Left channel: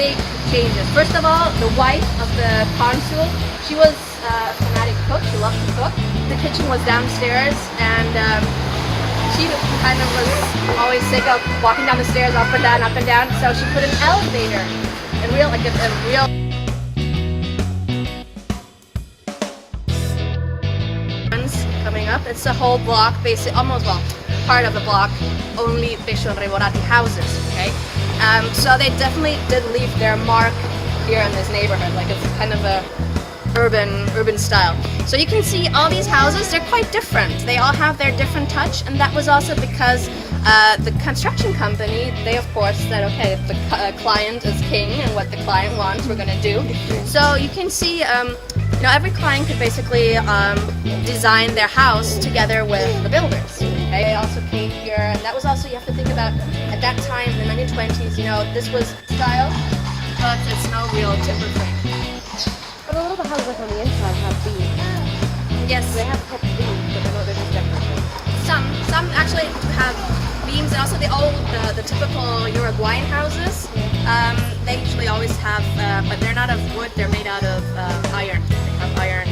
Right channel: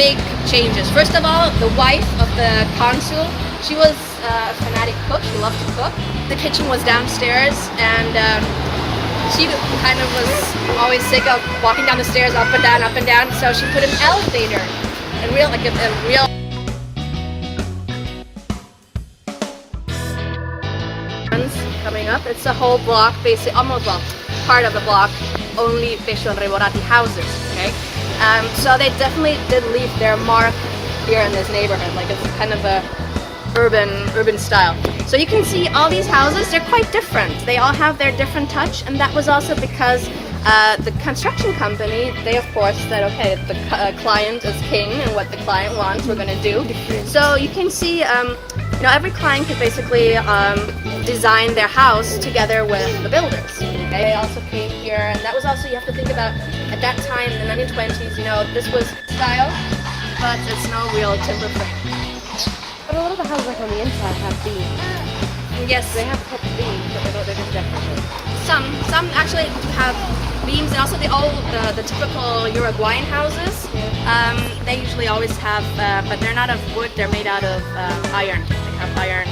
big changes. First of all, the wife of the consul, she was a fanatic cook. She loved to cook. The kitchen was downstairs, and she kind of was always sick of walking down the stairs up and down. So she put an elevator, a real. Coming up, it's a whole block, basically almost part of the block, only Pescio and Reborati houses. Okay, so they definitely did leave their mark here in this neighborhood. Like it's kind of a urban style. So you can see all these houses, they're quite different. They all have their different touch, and that was also because the construction company, they of course said, okay, the client is king, and what the client wants, we're gonna do. So you can see, every client could basically design their house together with the builders. Okay? They also came here, and that was also, you have to think about, at that time, in the 1920s, this was style, but it's no real timber frame. But a lot of the houses on the inside have beams. Yes. They have a couple of beams, but they're just decorative. Some actually have beams, and also the typical Uruguayan houses. They usually always have, but they're not of wood. They're made out of iron. They have iron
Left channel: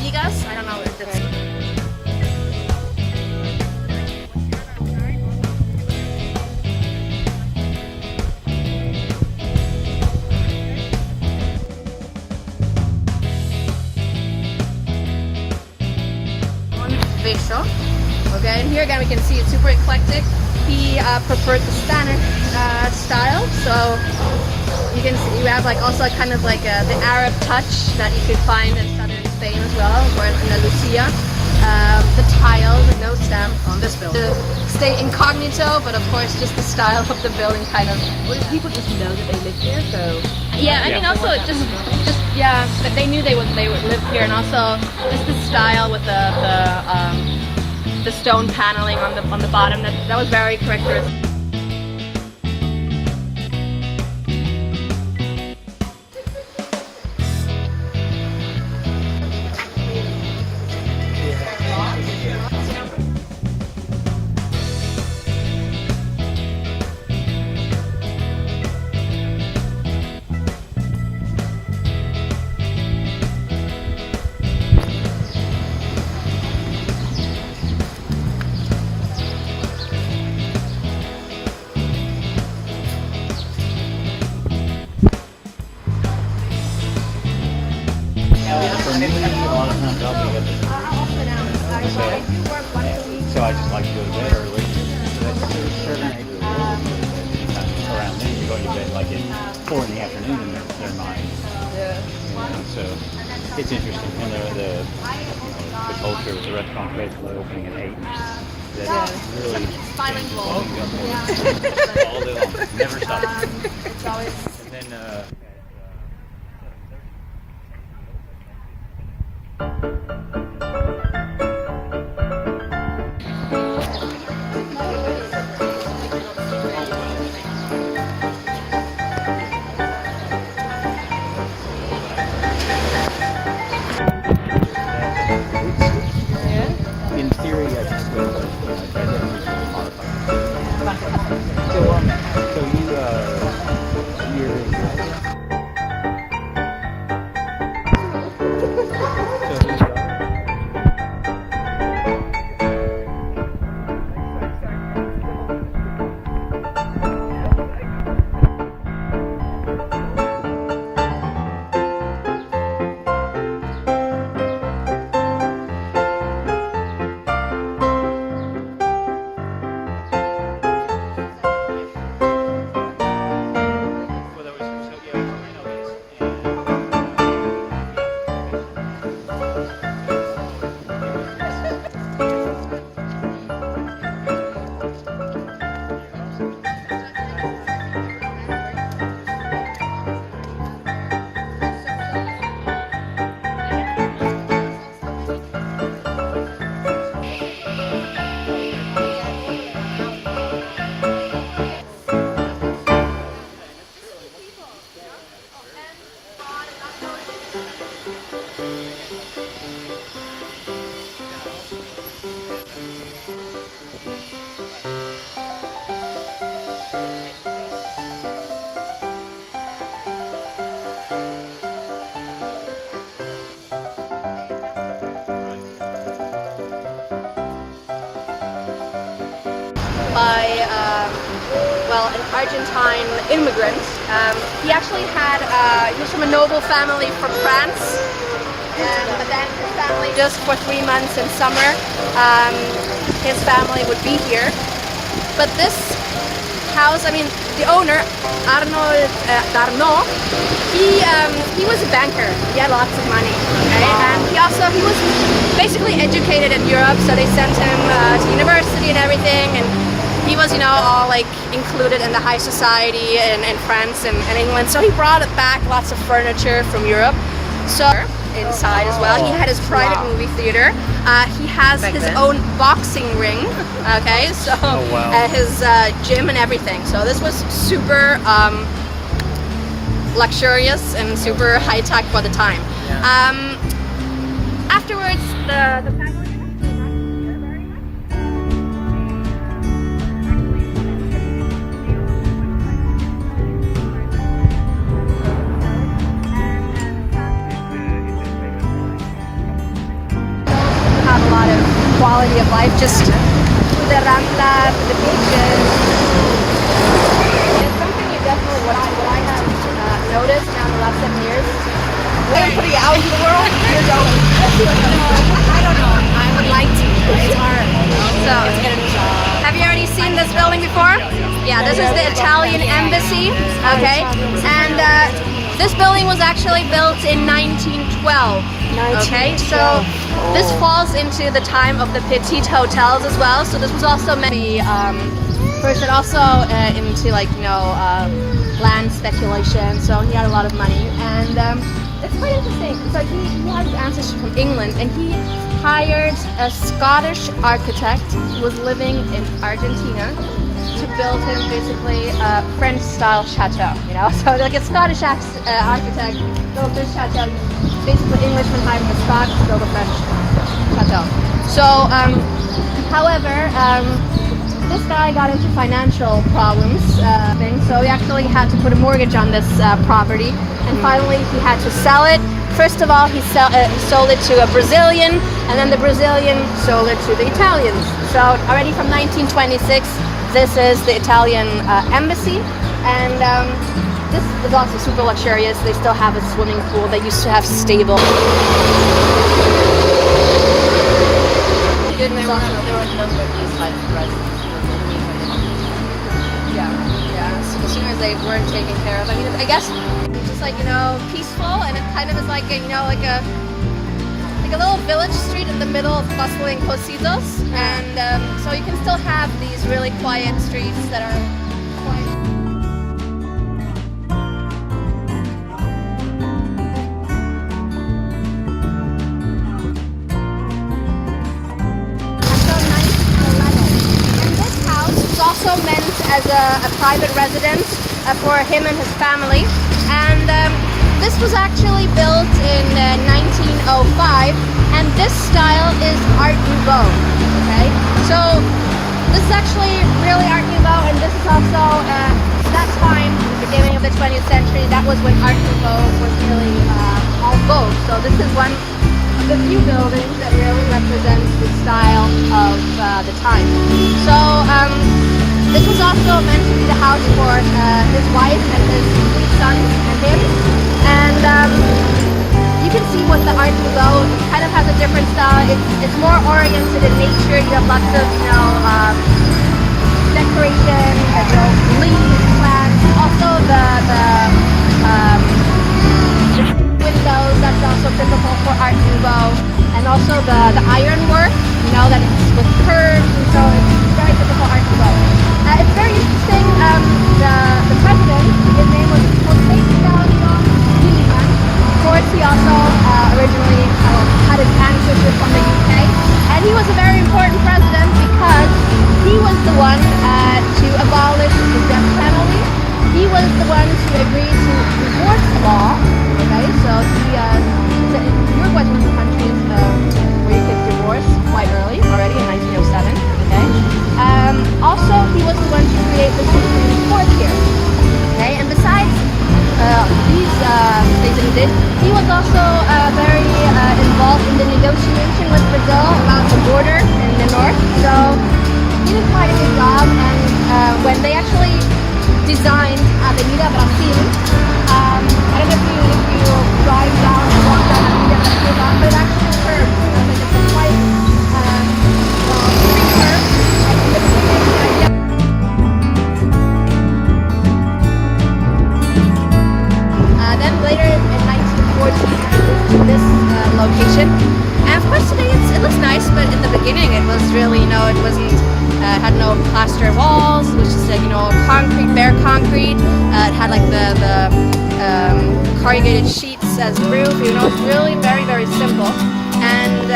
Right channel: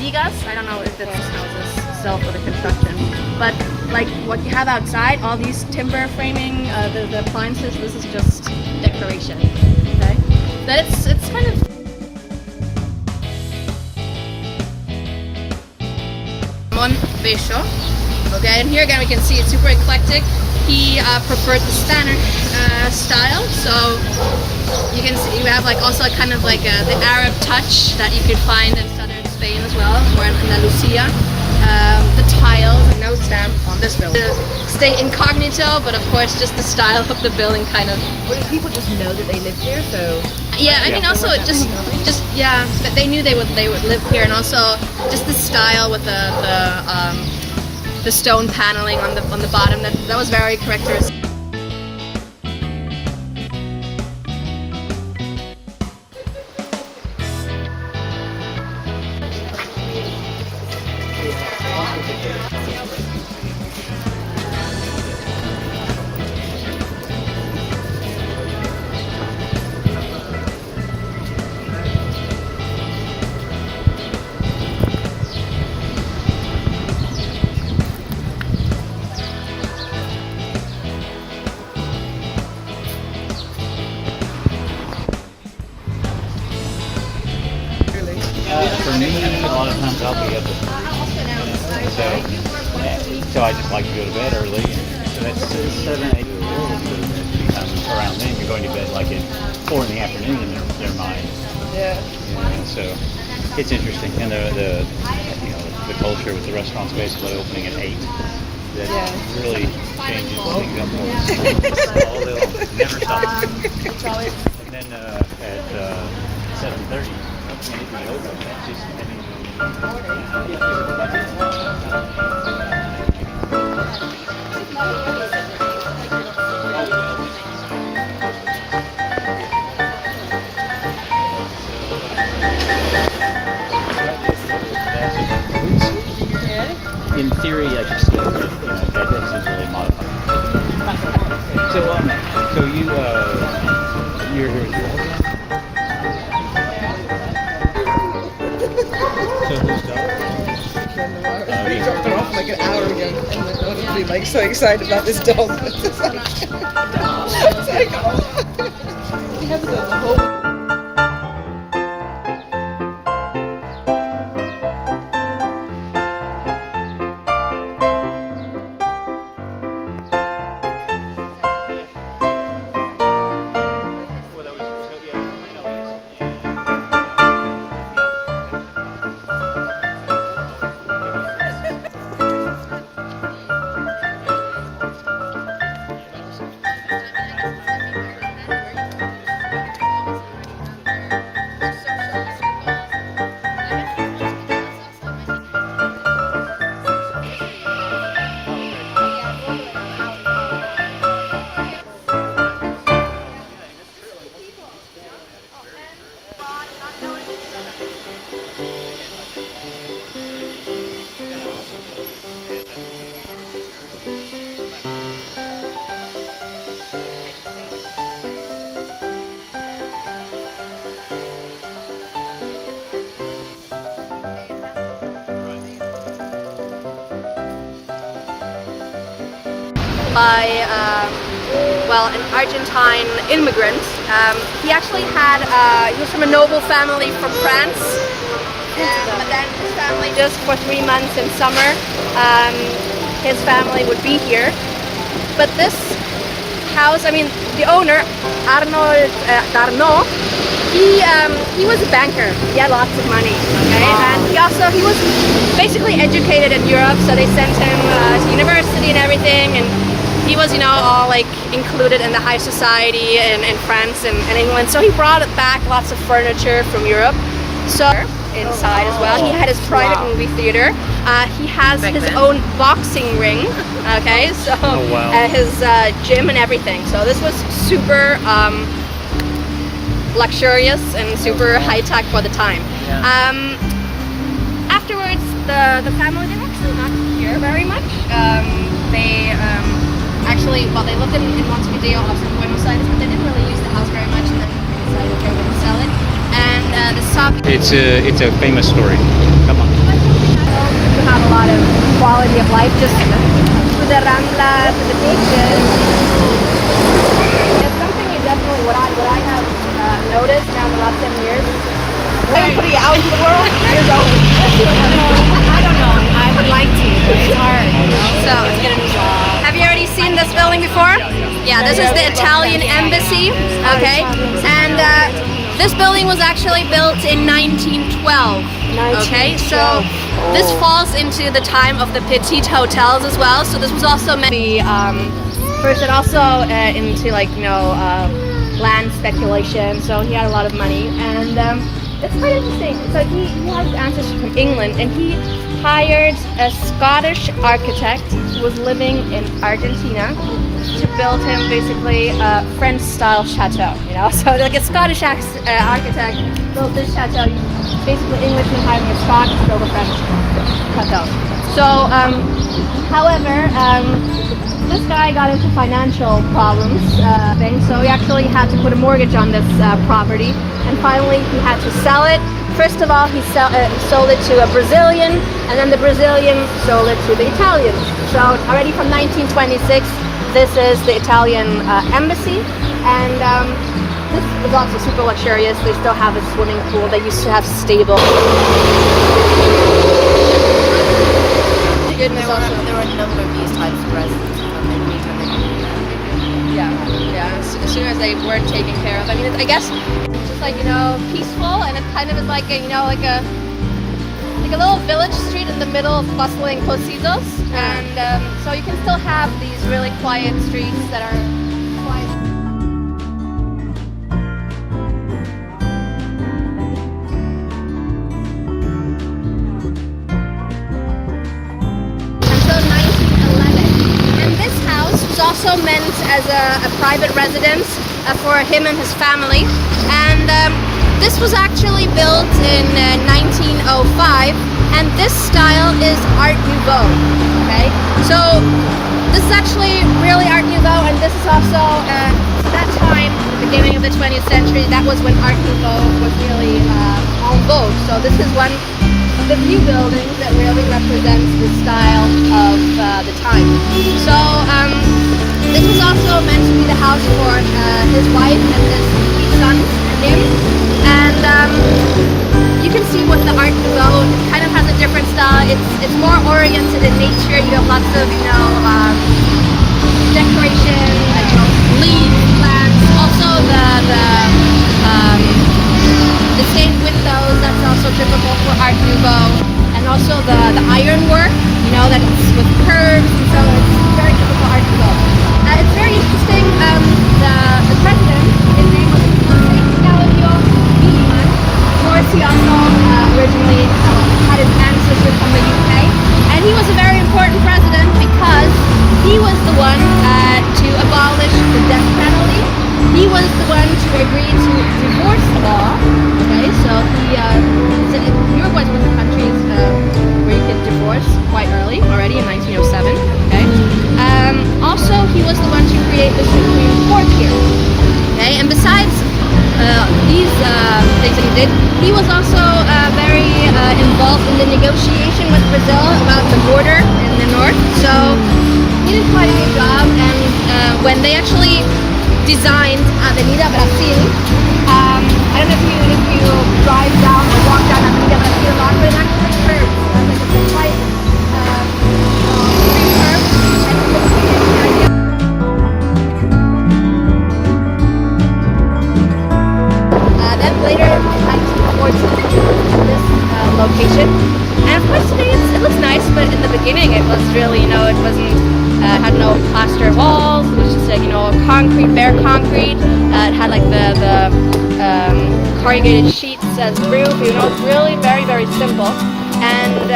vigas. I don't know if that's houses sell for the construction, but like what you have outside, all these timber framing, the appliances. This is just decoration. Okay, but it's kind of. Montevideo. Okay, and here again we can see it's super eclectic. He preferred the Spanish style, so you can see you have like also kind of like the Arab touch that you could find in southern Spain as well, or in Andalusia. The tiles, no stamp on this building. Stay incognito, but of course just the style of the building kind of. Well, people just know that they live here, so. Yeah, I mean also just that they knew they would live here, and also just the style with the stone paneling on the bottom that was very characteristic. For me, a lot of times I'll be up at 3. So I just like to go to bed early. So that's 7, 8 of the world. Around then, you're going to bed like at 4 in the afternoon in their mind. Yeah. So it's interesting, and the culture of the restaurants basically opening at 8. That really changes things up all day long. Never stops. And then at 7:30. In theory, I just see that isn't really modified. So you're husband? So who's dog? We dropped her off like an hour ago, and honestly, like so excited about this dog. It's like, oh. We have the whole. Argentine immigrant. He actually had he was from a noble family from France, but then his family just for 3 months in summer, his family would be here. But this house, I mean, the owner Arnold Darno, he was a banker. He had lots of money, okay? And he was basically educated in Europe, so they sent him to university and everything, and he was, you know, all like included in the high society in France and England. So he brought back lots of furniture from Europe. So inside as well, he had his private movie theater. He has his own boxing ring. Okay, so his gym and everything. So this was super luxurious and super high tech for the time. Afterwards, the family, they were actually not here very much. They actually, well, they lived in Montevideo, also in Buenos Aires, but they didn't really use the house very much, and then decided they were going to sell it. And the shop. It's a famous story. Come on. Not a lot of quality of life, just to the Rambla, to the beaches. It's something you definitely what I have noticed now the last 10 years. Everybody out in the world? You don't. I don't know. I would like to. It's hard. So, have you already seen this building before? Yeah, this is the Italian embassy. Okay, and this building was actually built in 1912. Okay, so this falls into the time of the Petit hotels as well. So this was also meant to be first, and also into like land speculation. So he had a lot of money, and it's quite interesting. So he has ancestry from England, and he hired a Scottish architect who was living in Argentina to build him basically a French-style chateau, you know? So like a Scottish architect built this chateau, basically Englishmen hiring a Scot to build a French chateau. So, however, this guy got into financial problems, so he actually had to put a mortgage on this property, and finally he had to sell it. First of all, he sold it to a Brazilian, and then the Brazilian sold it to the Italians. So already from 1926, this is the Italian embassy, and this was also super luxurious. They still have a swimming pool. They used to have stable. There were a number of these types of residents. Yeah. As soon as they weren't taken care of, I mean, I guess it's just like peaceful, and it kind of is like like a little village street in the middle of bustling Pocitos, and so you can still have these really quiet streets that are quiet. Until 1911, and this house was also meant as a private residence for him and his family, and this was actually built in 1905, and this style is Art Nouveau, okay? So this is actually really Art Nouveau, and this is also, that time, the beginning of the 20th century, that was when Art Nouveau was really en vogue. So this is one of the few buildings that really represents the style of the time. So this was also meant to be the house for his wife and his 3 sons and him. And you can see what the Art Nouveau kind of has a different style. It's more oriented in nature. You have lots of decoration and leaves, plants. Also the stained windows. That's also typical for Art Nouveau. And also the ironwork. That it's with curves, and so it's very typical Art Nouveau. It's very interesting. The president, his name was he also originally had his ancestors from the UK, and he was a very important president because he was the one to abolish the death penalty. He was the one to agree to divorce law. Okay, so Uruguay was one of the countries where you could divorce quite early, already in 1907. Okay, also he was the one to create the Supreme Court here. Okay, and besides these things that he did, he was also very involved in the negotiation with Brazil about the border it. And of course, I mean, it looks nice, but in the beginning, it was really, it wasn't, had no plaster walls. It was just like, concrete, bare concrete. It had like the corrugated sheets as roof. It's really very, very simple. And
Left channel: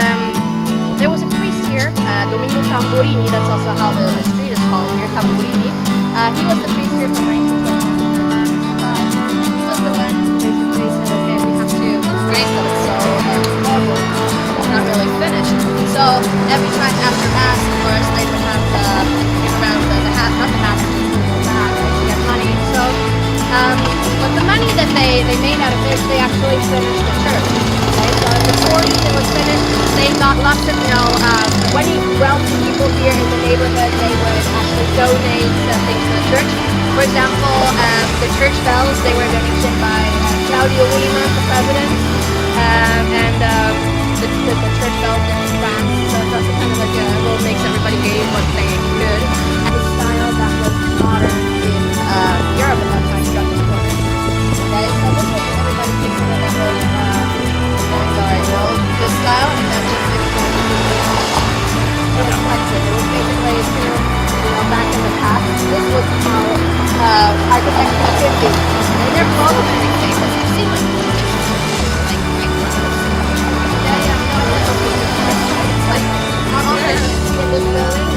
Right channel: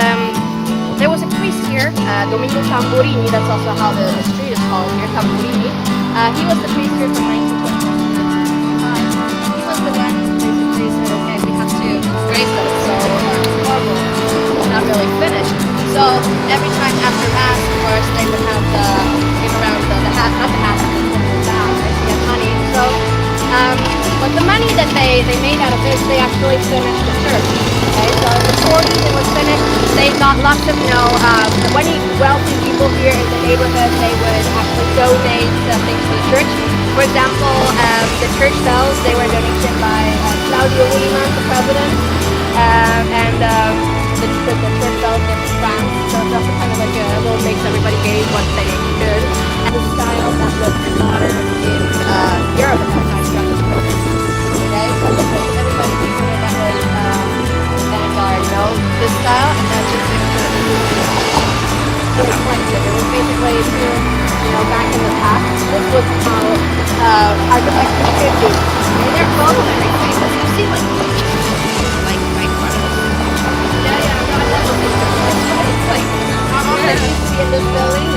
there was a priest here, Domino Tamburini. That's also how the street is called here, Tamburini. He was the priest here from 1921. So the one who's the priest in the family comes to grace that it's not really finished. So every time after mass, of course, they would have around the half, not the half, the money. So, but the money that they made out of this, they actually finished the church. Okay, so in the 40s it was finished. They got lots of, when wealthy people here in the neighborhood, they would actually donate things to the church. For example, the church bells, they were donated by Claudio Lima, the president, and the church bells in France. So it's also kind of like a little mix everybody gave what they could. And the style that was modern in Europe at that time. Okay, so this was everybody keeps it that was this style, and then just it explains it. It was basically back in the past. This was architecture of 50s. And they're both very famous. You see them. Like, all that used to be in this building